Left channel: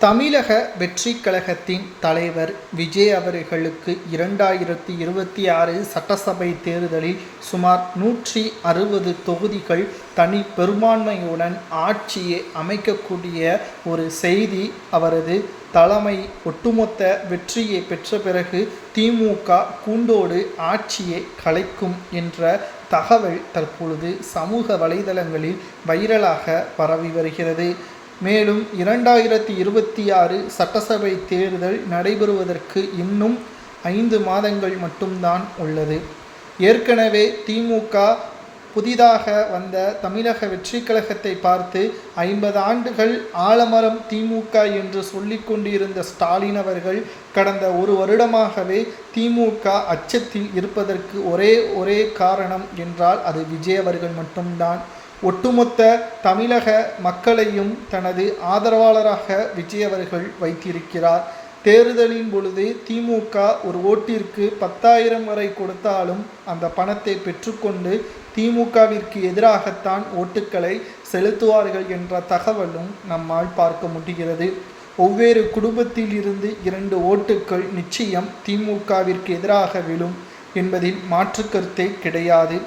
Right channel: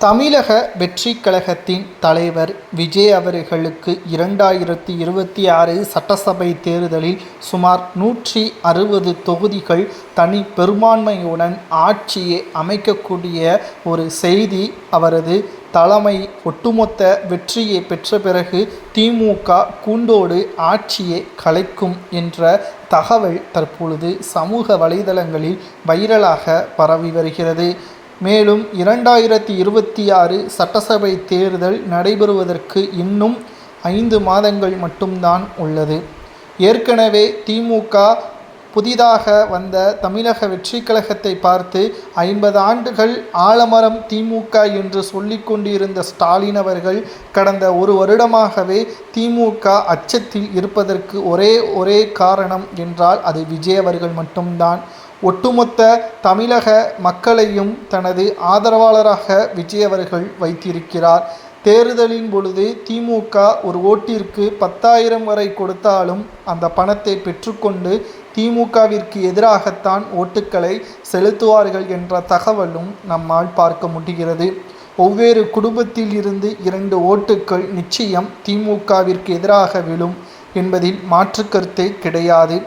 தமிழக வெற்றிக் கழகத்தின் தலைவர் விஜய் அவர்களுக்கு இரண்டாயிரத்தி இருபத்தி ஆறு சட்டசபை தேர்தலில் சுமார் நூற்றி அறுபது தொகுதிகள் தனி பெரும்பான்மையுடன் ஆட்சியை அமைக்கக்கூடிய ஒரு செய்தி அவரது தலைமை ஒட்டுமொத்த வெற்றியை பெற்ற பிறகு திமுக கூண்டோடு ஆட்சியை கலைக்கும் என்ற தகவல் தற்பொழுது சமூக வலைதளங்களில் வைரலாக பரவி வருகிறது. மேலும் இரண்டாயிரத்தி இருபத்தி ஆறு சட்டசபை தேர்தல் நடைபெறுவதற்கு இன்னும் ஐந்து மாதங்கள் மட்டும்தான் உள்ளது. ஏற்கனவே திமுக புதிதாக வந்த தமிழக வெற்றி கழகத்தை பார்த்து ஐம்பது ஆண்டுகள் ஆலமரம் திமுக என்று சொல்லிக்கொண்டிருந்த ஸ்டாலின் அவர்கள் கடந்த ஒரு வருடமாகவே திமுக அச்சத்தில் இருப்பதற்கு ஒரே ஒரே காரணம் என்றால் அது விஜய் அவர்கள் மட்டும்தான். ஒட்டுமொத்த தமிழக மக்களையும் தனது ஆதரவாளராக விஜய் அவர்கள் வைத்திருக்கிறார். தேர்தலின் பொழுது திமுக ஒரு ஓட்டிற்கு பத்தாயிரம் வரை கொடுத்தாலும் அந்த பணத்தை பெற்றுக்கொண்டு திமுகவிற்கு எதிராகத்தான் ஓட்டுக்களை செலுத்துவார்கள் என்ற தகவலும் நம்மால் பார்க்க முடிகிறது. ஒவ்வொரு குடும்பத்தில் இருந்து இரண்டு ஓட்டுக்கள் நிச்சயம் திமுகவிற்கு எதிராக விழும் என்பதில் மாற்று கருத்தே கிடையாது.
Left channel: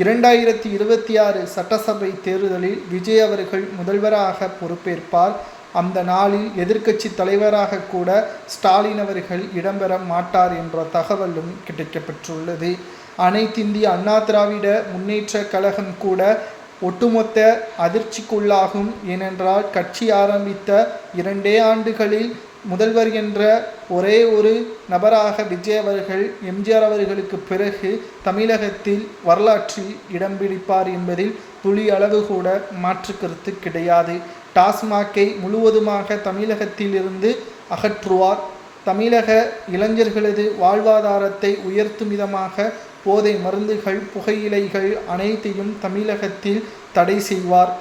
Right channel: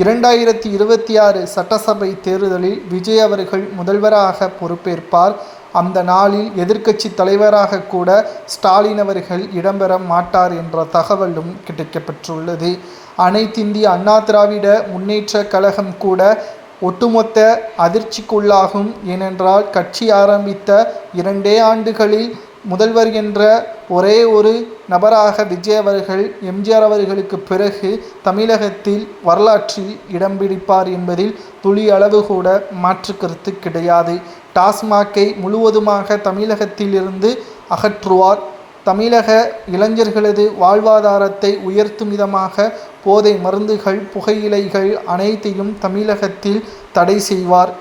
இரண்டாயிரத்தி இருபத்தி ஆறு சட்டசபை தேர்தலில் விஜய் அவர்கள் முதல்வராக பொறுப்பேற்பார். அந்த நாளில் எதிர்க்கட்சி தலைவராக கூட ஸ்டாலின் அவர்கள் இடம்பெற மாட்டார் என்ற தகவலும் கிடைக்கப்பெற்றுள்ளது. அனைத்திந்திய அண்ணா திராவிட முன்னேற்ற கழகம் கூட ஒட்டுமொத்த அதிர்ச்சிக்குள்ளாகும். ஏனென்றால் கட்சி ஆரம்பித்த இரண்டே ஆண்டுகளில் முதல்வர் என்ற ஒரே ஒரு நபராக விஜய் அவர்கள் எம்ஜிஆர் அவர்களுக்கு பிறகு தமிழகத்தில் வரலாற்றில் இடம் பிடிப்பார் என்பதில் துளி அளவு கூட மாற்று கருத்து கிடையாது. டாஸ்மாகை முழுவதுமாக தமிழகத்திலிருந்து அகற்றுவார். தமிழக இளைஞர்களது வாழ்வாதாரத்தை உயர்த்தும் விதமாக போதை மருந்துகள் புகையிலைகள் அனைத்தையும் தமிழகத்தில் தடை செய்வார்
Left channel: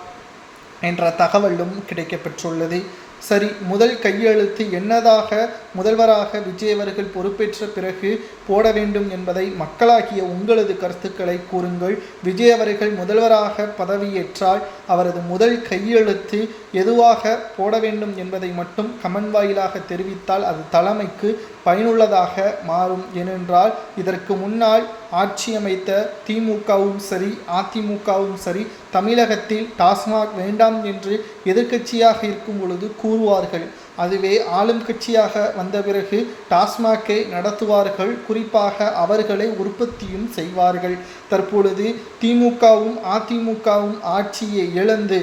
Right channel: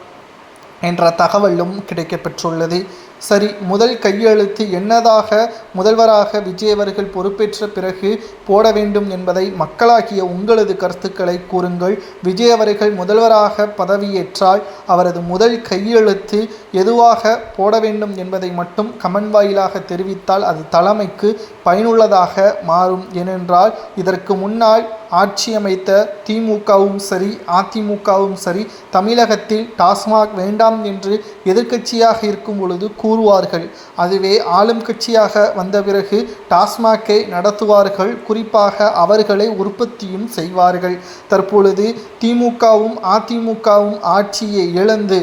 என்ற தகவலும் கிடைக்கப்பெற்றுள்ளது. சரி முதல் கையெழுத்து என்னதாக முதல்வராக விஜய் அவர்கள் பொறுப்பேற்ற பிறகு போட வேண்டும் என்பதை மக்களாகிய உங்களது கருத்துக்களை கூறுங்கள். விஜய் அவர்கள் முதல்வராக பதவியேற்றால் அவரது முதல் கையெழுத்து எதுவாக போட வேண்டும் என்பதை மட்டும் கமெண்ட் வாயிலாக தெரிவித்தால் அது தலைமைக்கு பயனுள்ளதாக மாறும். ஏனென்றால் இதற்கு முன்னால் ஆட்சி அமைத்த திமுகவும் சரி அதிமுகவும் சரி தமிழகத்தில் டாஸ்மாக் வேண்டாம் என்று எதிர்க்கட்சியாக இருக்கும் பொழுது கூறுவார்கள். அதுவே ஆளும் கட்சியாக வந்த பிறகு டாஸ்மாகை நடத்துவார்கள். குறிப்பாக அவர்களை உற்பத்தியும் செய்வார்கள். தற்பொழுது திமுகவும் அதிமுகவும் ஆட்சியை இழந்து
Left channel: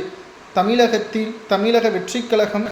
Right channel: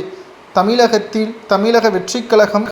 தமிழகத்தில் தமிழக வெற்றிக் கழகம்